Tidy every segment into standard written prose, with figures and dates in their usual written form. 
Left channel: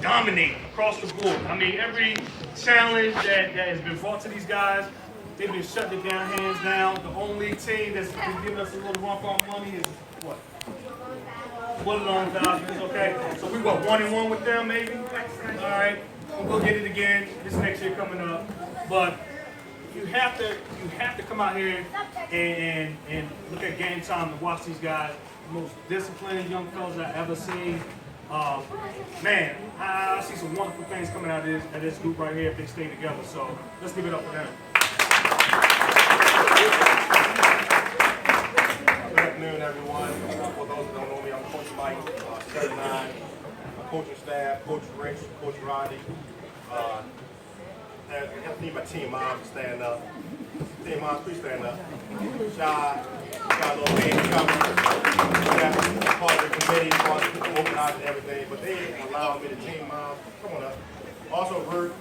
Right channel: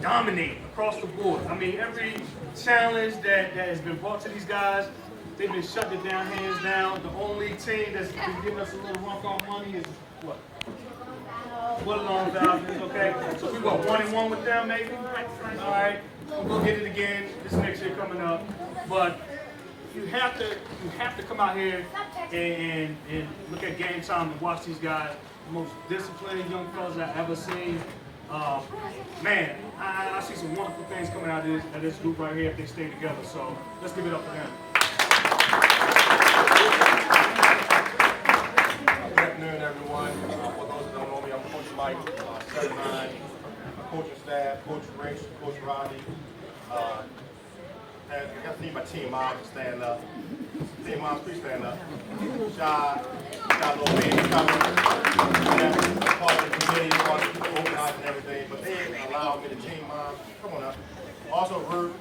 dominate across the board. I mean, every challenge that has been brought to these guys, they've been shutting it down hands down. The only team that's been giving us a little run for our money is what? Woodlawn Falcons, okay? So we what, 1-1 with them maybe? All right, we'll get it again this next year coming up. But you have to come out here and look at game time and watch these guys. The most disciplined young fellas I've ever seen. Man, I see some wonderful things coming out of this group right here if they stay together. So let's give it up for them. Good afternoon, everyone. For those that don't know me, I'm Coach Mike, 79, coaching staff, Coach Rich, Coach Roddy. I need my team moms to stand up. Team moms, please stand up. Shy, got a little baby coming. Part of the committee, part of the organizing everything, but they allowed me to team moms. Come on up. Also, Ruth,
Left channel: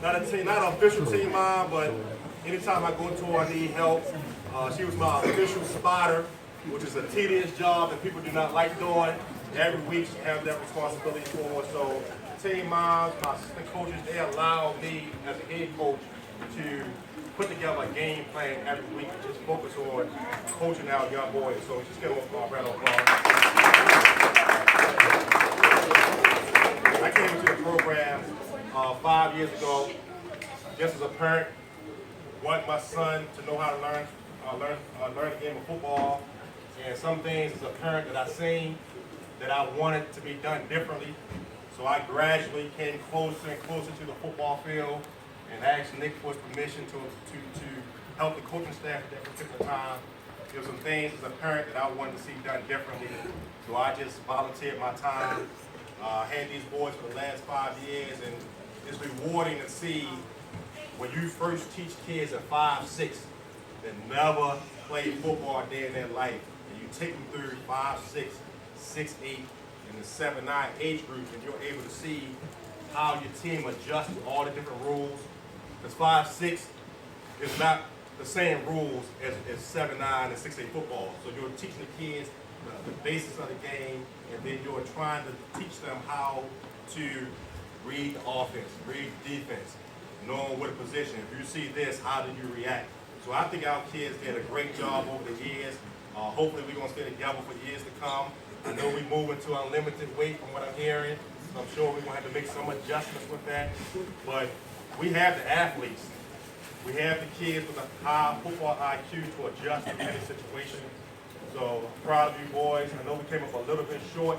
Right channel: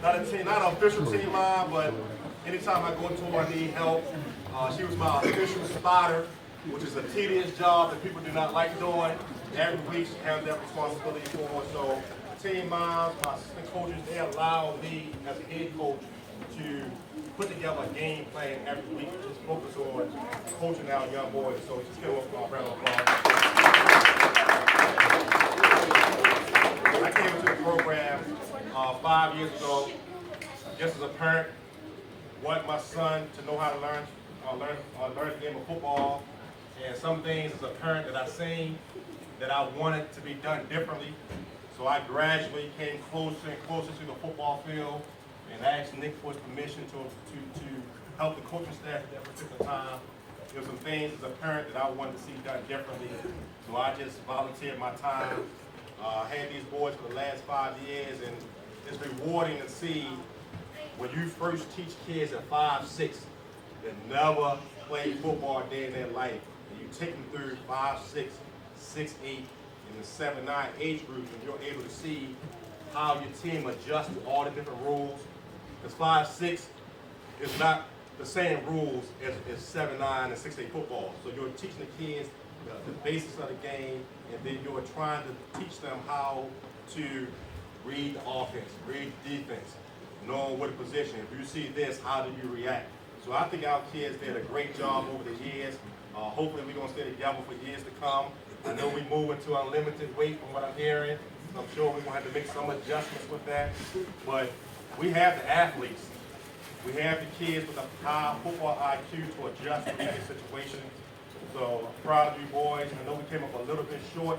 not an official team mom, but anytime I go to her, I need help. She was my official spotter, which is a tedious job that people do not like doing. Every week she has that responsibility for. So team moms, my assistant coaches, they allow me as a head coach to put together a game plan every week and just focus on coaching our young boys. So just give them a round of applause. I came into the program 5 years ago, just as a parent, want my son to know how to learn the game of football, and some things as a parent that I seen that I wanted to be done differently. So I gradually came closer and closer to the football field and asked Nick for his permission to help the coaching staff at that particular time. There were some things as a parent that I wanted to see done differently. So I just volunteered my time, had these boys for the last 5 years, and it's rewarding to see when you first teach kids at 5, 6 that never played football a day in their life, and you take them through 5, 6, 6, 8, and the 7, 9 age groups, and you're able to see how your team adjusts to all the different rules. Because 5, 6 is not the same rules as 7, 9, and 6, 8 football. So you're teaching the kids the basics of the game, and then you're trying to teach them how to read the offense, read the defense, knowing what a position. If you see this, how do you react? So I think our kids did a great job over the years. Hopefully we're going to stay together for years to come. I know we move into unlimited weight from what I'm hearing. So I'm sure we're going to have to make some adjustments with that. But we have the athletes. We have the kids with a high football IQ to adjust to any situation. So I'm proud of you boys. I know we came up a little bit short,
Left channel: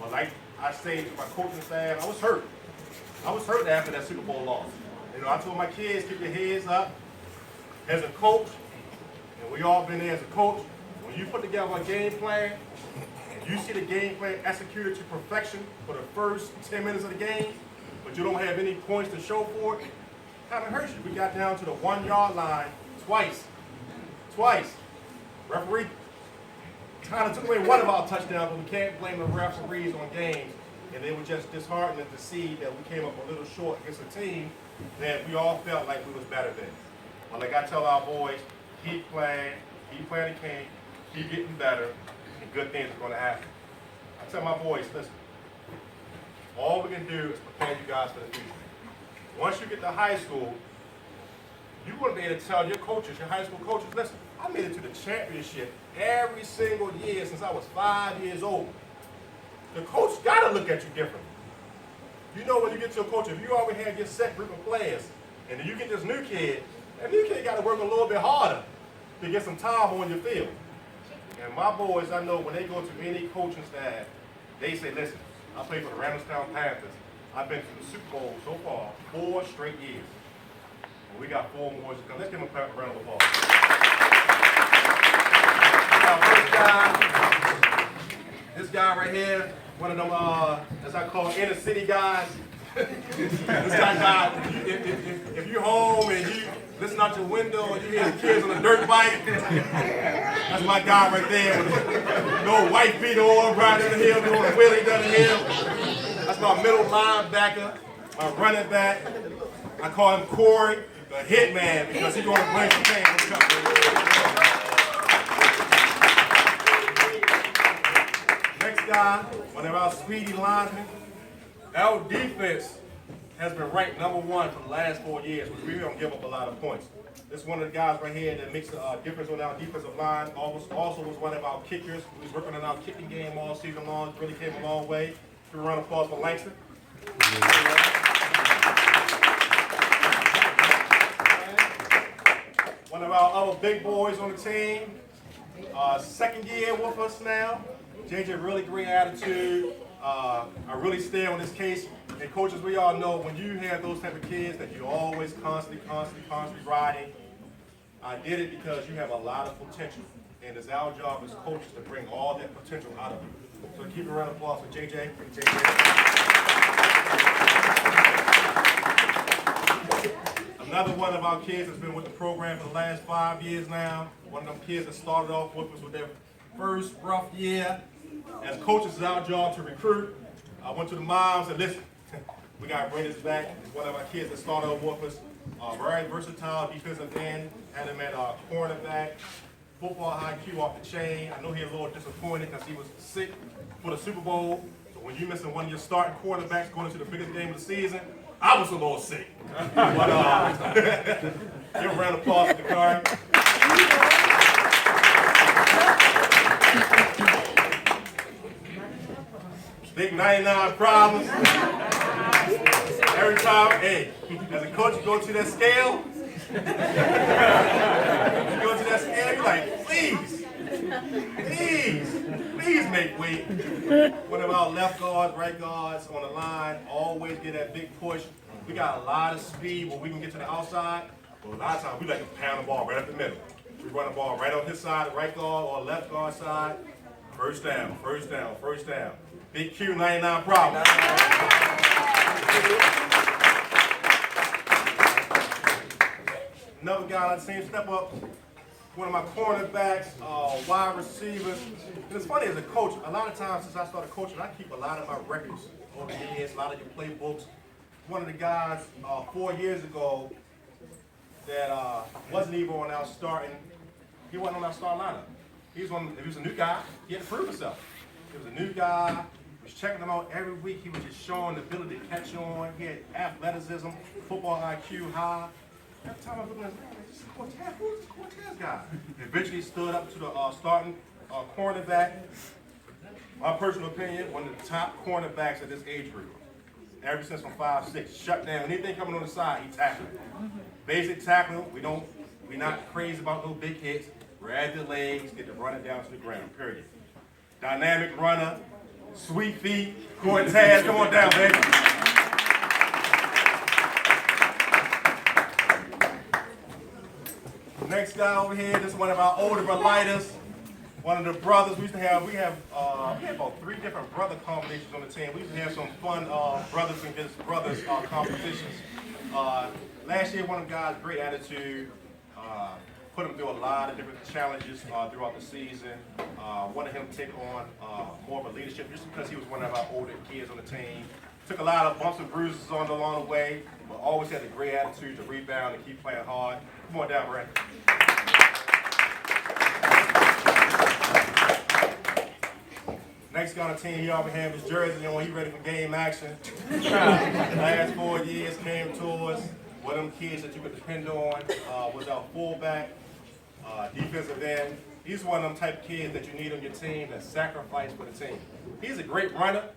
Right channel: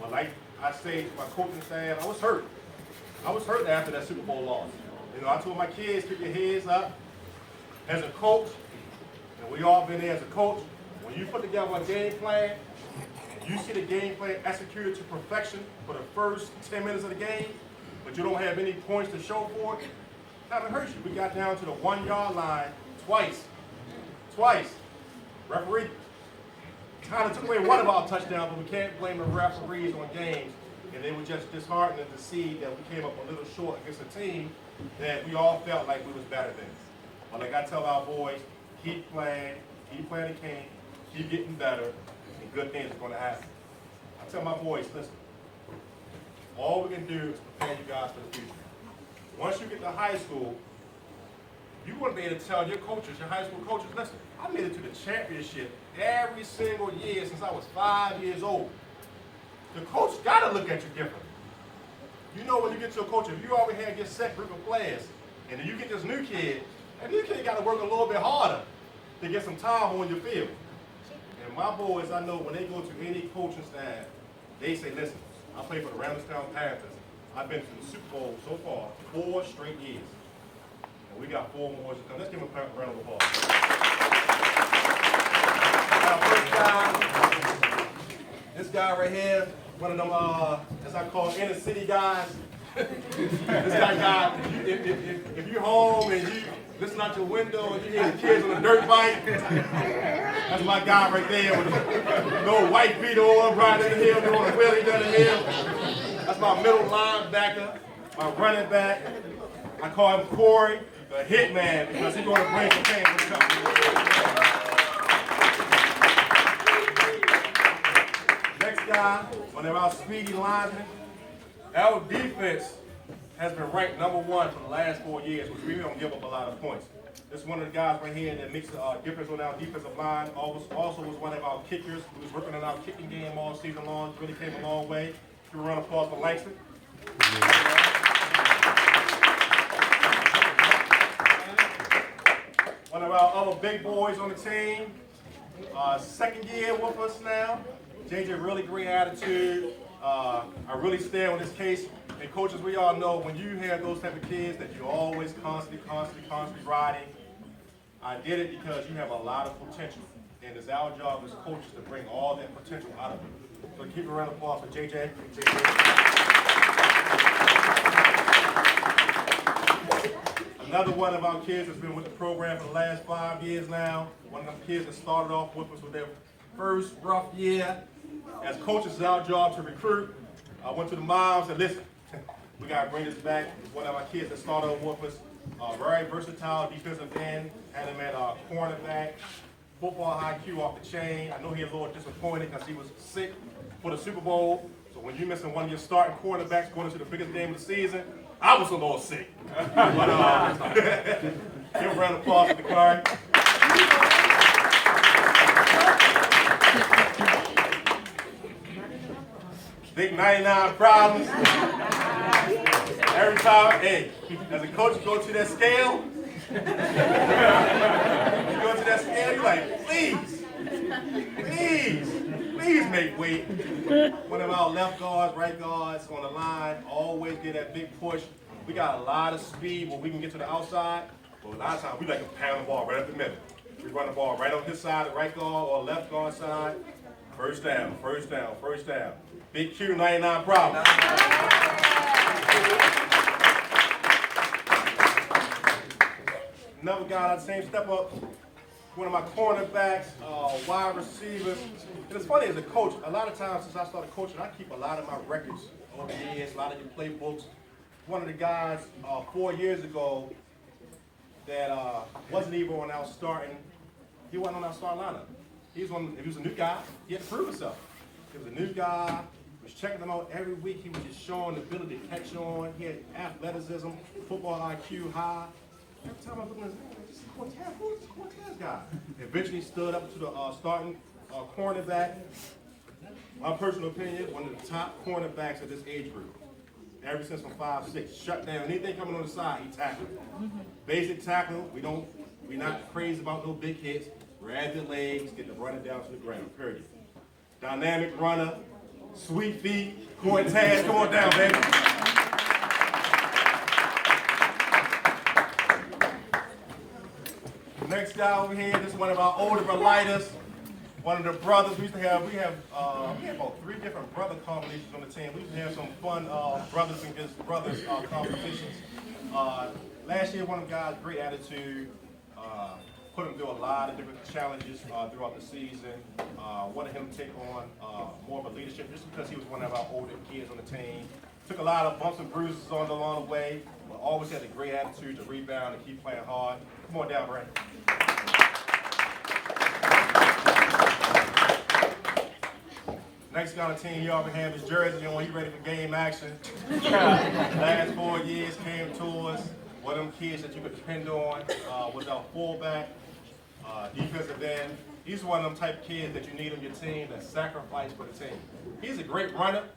but like I said to my coaching staff, I was hurt. I was hurt after that Super Bowl loss. You know, I told my kids, keep your heads up. As a coach, and we all been there as a coach, when you put together a game plan, and you see the game plan executed to perfection for the first 10 minutes of the game, but you don't have any points to show for it, kind of hurts you. We got down to the 1 yard line twice. Referee kind of took away one of our touchdowns, but we can't blame the referees on games. And they were just disheartening to see that we came up a little short against a team that we all felt like we was better than. But like I tell our boys, keep playing the game, keep getting better, and good things are going to happen. I tell my boys, listen, all we can do is prepare you guys for the future. Once you get to high school, you're going to be able to tell your coaches, your high school coaches, listen, I made it to the championship every single year since I was 5 years old. The coach got to look at you differently. You know when you get to a coach, if you already have your set group of players, and then you get this new kid, that new kid got to work a little bit harder to get some time on your field. And my boys, I know when they go to any coaching staff, they say, listen, I play for the Randallstown Panthers. I've been to the Super Bowl so far 4 straight years. And we got 4 more to come. Let's give them a round of applause. Now, first guy, this guy right here, one of them, as I call inner city guys. This guy, if you're home and you listen out your window and you hear the kids on a dirt bike, that's my guy right there with a little white beater on, riding down the hill, doing a wheelie down the hill. That's my middle linebacker, my running back. I call him Corey, the hitman, because he's going to bring some pain to the company. Next guy, one of our speedy linemen. Our defense has been ranked #1 for the last 4 years, which we don't give up a lot of points. This is one of the guys right here that makes a difference on our defensive line. Also was one of our kickers who was working on our kicking game all season long. Really came a long way. Give a round of applause for Langston. One of our other big boys on the team, second year with us now. JJ, really great attitude. I really stand on this case. And coaches, we all know when you have those type of kids that you're always constantly riding. I did it because you have a lot of potential. And it's our job as coaches to bring all that potential out of you. So keep a round of applause for JJ. Another one of our kids has been with the program for the last 5 years now. One of them kids that started off with us with their first rough year. As coaches, it's our job to recruit. I went to the moms and listen, we got to bring this back. It's one of our kids that started off with us. Very versatile defensive end. Had him at cornerback. Football IQ off the chain. I know he's a little disappointed because he was sick for the Super Bowl. So when you're missing one of your starting quarterbacks going into the biggest game of the season, I was a little sick. But give a round of applause for the card. Big 99 problems. Every time, hey, as a coach, you go to that scale. You go to that scale, you're like, please make weight. One of our left guards, right guards on the line, always get that big push. We got a lot of speed where we can get to the outside, but a lot of times we like to pound the ball right up the middle. We run the ball right on his side, the right guard or left guard side. First down. Big Q, 99 problems. Another guy on the same step up, one of my cornerbacks, wide receivers. And it's funny as a coach, a lot of times since I started coaching, I keep a lot of my records over the years, a lot of your playbooks. One of the guys 4 years ago that wasn't even on our starting, he wasn't on our starting lineup. He was a new guy, he had to prove himself. He was a new guy, was checking him out every week. He was just showing the ability to catch on. He had athleticism, football IQ high. Every time I was looking at him, this is Cortez. Who is this Cortez guy? Eventually stood up to the starting cornerback. My personal opinion, one of the top cornerbacks at this age group. Ever since from 5'6", shut down anything coming on the side, he tackled. Basic tackling. We're not crazy about no big hits. Grab the legs, get the runner down to the ground. Period. Dynamic runner, sweet feet, Cortez, come on down, baby. Next guy over here, this is one of our older lighters. One of the brothers, we have about 3 different brother combinations on the team. We used to have some fun brothers against brothers competitions. Last year, one of the guys, great attitude, put him through a lot of different challenges throughout the season. Wanted him to take on more of a leadership just because he was one of our older kids on the team. Took a lot of bumps and bruises along the way, but always had a great attitude to rebound and keep playing hard. Come on down, Brandon. Next guy on the team, he already have his jersey on. He ready for game action. Last 4 years came to us. One of them kids that you could depend on was our fullback, defensive end. He's one of them type of kids that you need on your team that sacrifice for the team. He's a great runner,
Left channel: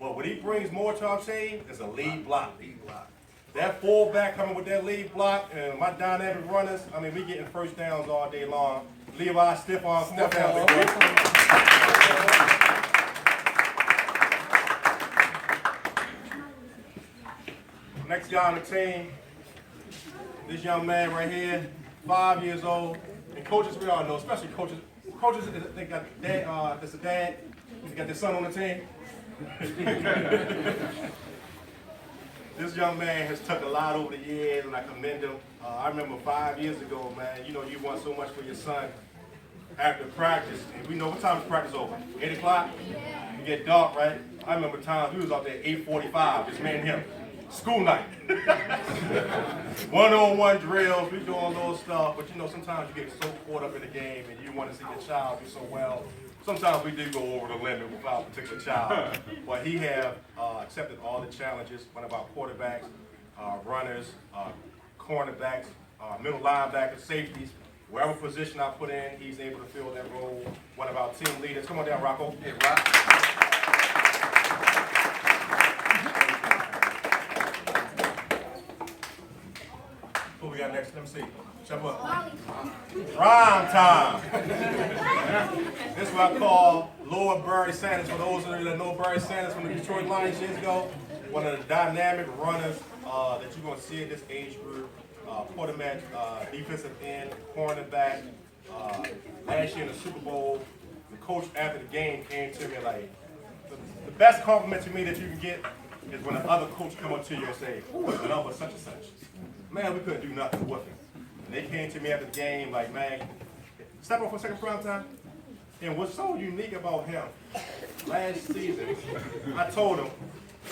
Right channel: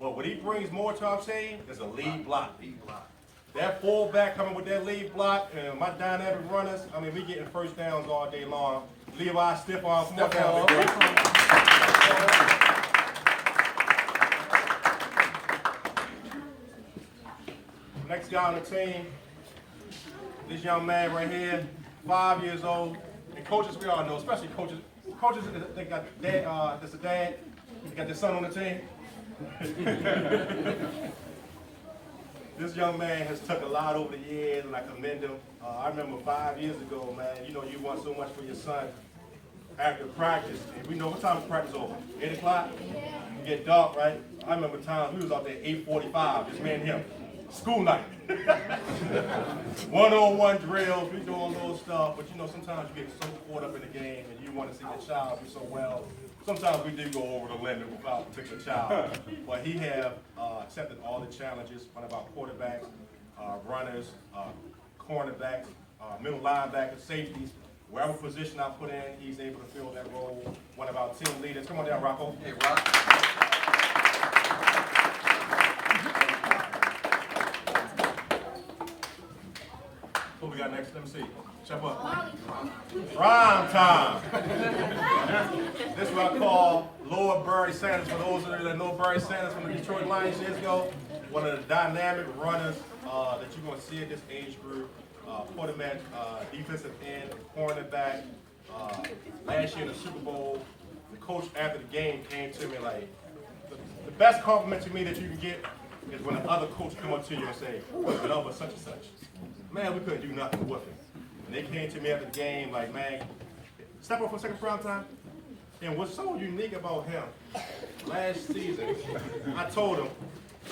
but what he brings more to our team is a lead block. That fullback coming with that lead block, and my dynamic runners, I mean, we getting first downs all day long. Levi, stiff arm, come on down, big boy. Next guy on the team, this young man right here, 5 years old. And coaches, we all know, especially coaches, they got dad, that's a dad, they got their son on the team. This young man has took a lot over the years, and I commend him. I remember 5 years ago, man, you know, you want so much for your son after practice. And we know what time is practice over? 8 o'clock? You get dark, right? I remember times we was out there at 8:45, just me and him. School night. One-on-one drills, we doing little stuff, but you know, sometimes you get so caught up in the game and you want to see your child do so well. sometimes we do go over the limit with our particular child, but he have accepted all the challenges. One of our quarterbacks, runners, cornerbacks, middle linebackers, safeties. Wherever position I put in, he's able to fill that role. One of our team leaders. Come on down, Rocco. Hey, Rock. Who we got next? Let me see. Step up. Prime time. This is what I call Lord Barry Sanders. For those of you that know Barry Sanders from the Detroit Lions years ago, one of the dynamic runners that you're going to see in this age group. Quarterback, defensive end, cornerback. Last year in the Super Bowl, the coach after the game came to me like, the best compliment to me that you can get is when the other coach come up to you and say, what's the number such and such? Man, we couldn't do nothing with him. And they came to me after the game like, man, step up for a second, prime time. And what's so unique about him, last season, I told him,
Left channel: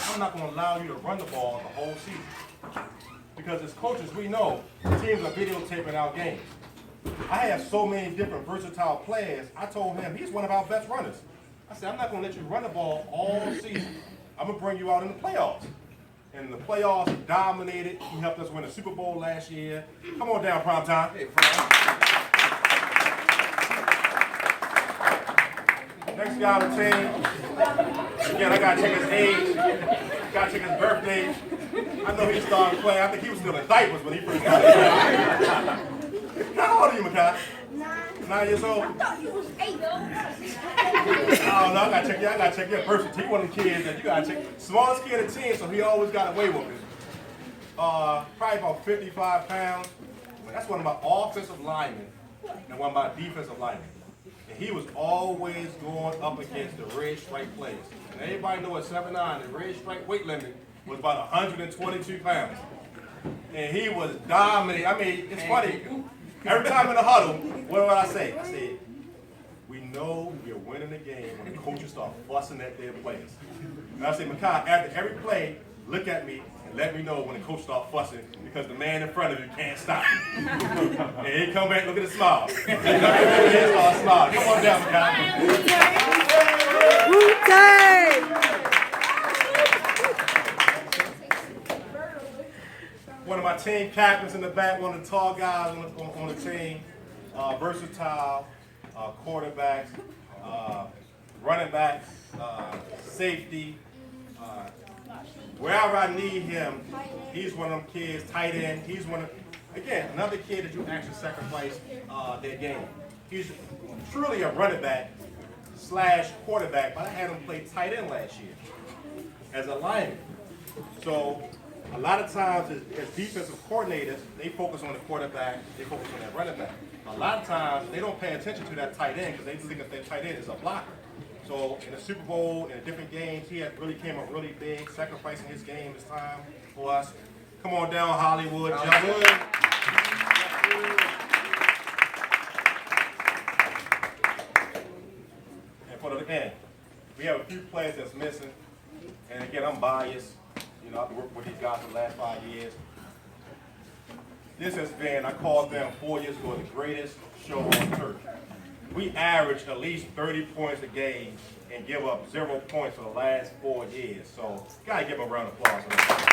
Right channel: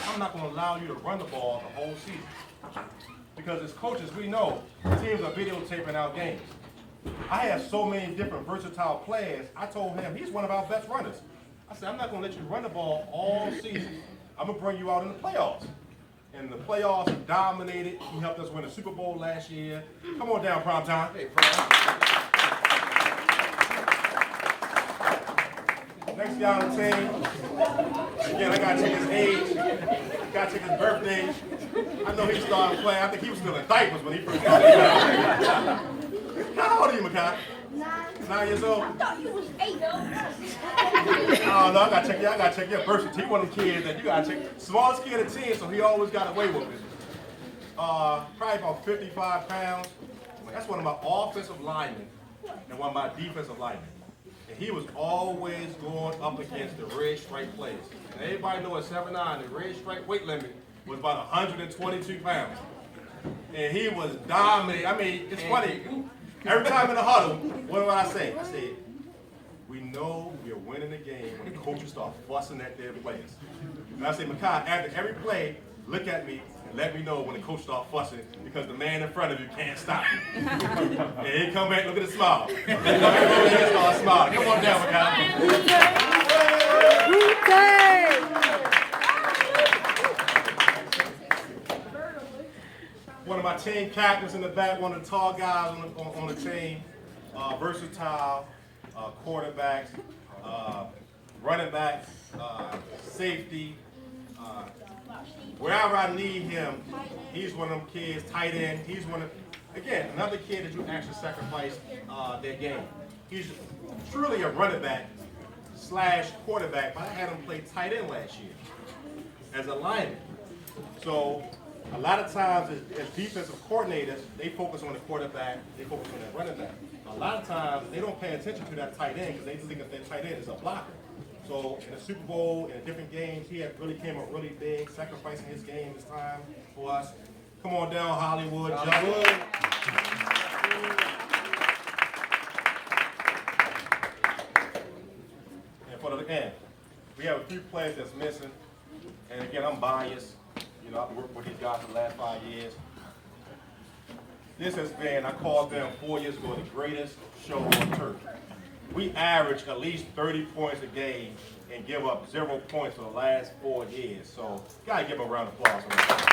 I'm not going to allow you to run the ball the whole season. Because as coaches, we know teams are videotaping our games. I have so many different versatile players. I told him, he's one of our best runners. I said, I'm not going to let you run the ball all season. I'm going to bring you out in the playoffs. In the playoffs, he dominated. He helped us win the Super Bowl last year. Come on down, prime time. Hey, prime. Next guy on the team. Again, I got to check his age. Got to check his birthday. I know he started playing. I think he was still in diapers when he first started playing. How old are you, Makai? 9 years old? I thought he was 8. Oh, no, I gotta check your birth certificate. He one of them kids that you gotta check. Smallest kid of 10, so he always got away with it. Probably about 55 pounds. That's one of my offensive linemen and one of my defensive linemen. And he was always going up against the red stripe players. And everybody know at 7'9", the red stripe weight limit was about 122 pounds. And he was dominating. I mean, it's funny. Every time in the huddle, what do I say? I say, we know we are winning the game when the coaches start fussing at their players. And I say, Makai, after every play, look at me and let me know when the coach starts fussing because the man in front of you can't stop. And he come back, look at the smile. He starts smiling. Come on down, Makai. One of my team captains in the back, one of the tall guys on the team, versatile, quarterbacks, running backs, safety. Wherever I need him, he's one of them kids, tight end. He's again, another kid that you actually sacrifice their game. He's truly a running back / quarterback, but I had him play tight end last year as a lineman. So a lot of times as defensive coordinators, they focus on the quarterback, they focus on that running back. A lot of times they don't pay attention to that tight end because they think of that tight end as a blocker. So in the Super Bowl, in the different games, he had really came up really big, sacrificing his game, his time for us. Come on down, Hollywood. And for the end, we have a few players that's missing. And again, I'm biased. You know, I've worked with these guys for the last 5 years. This has been, I called them 4 years ago, the greatest show on turf. We average at least 30 points a game and give up 0 points for the last 4 years. So, gotta give them a round of applause for that.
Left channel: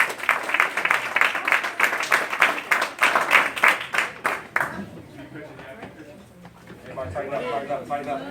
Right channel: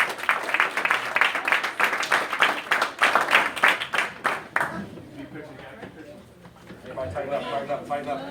Everybody tighten up, tighten up, tighten up.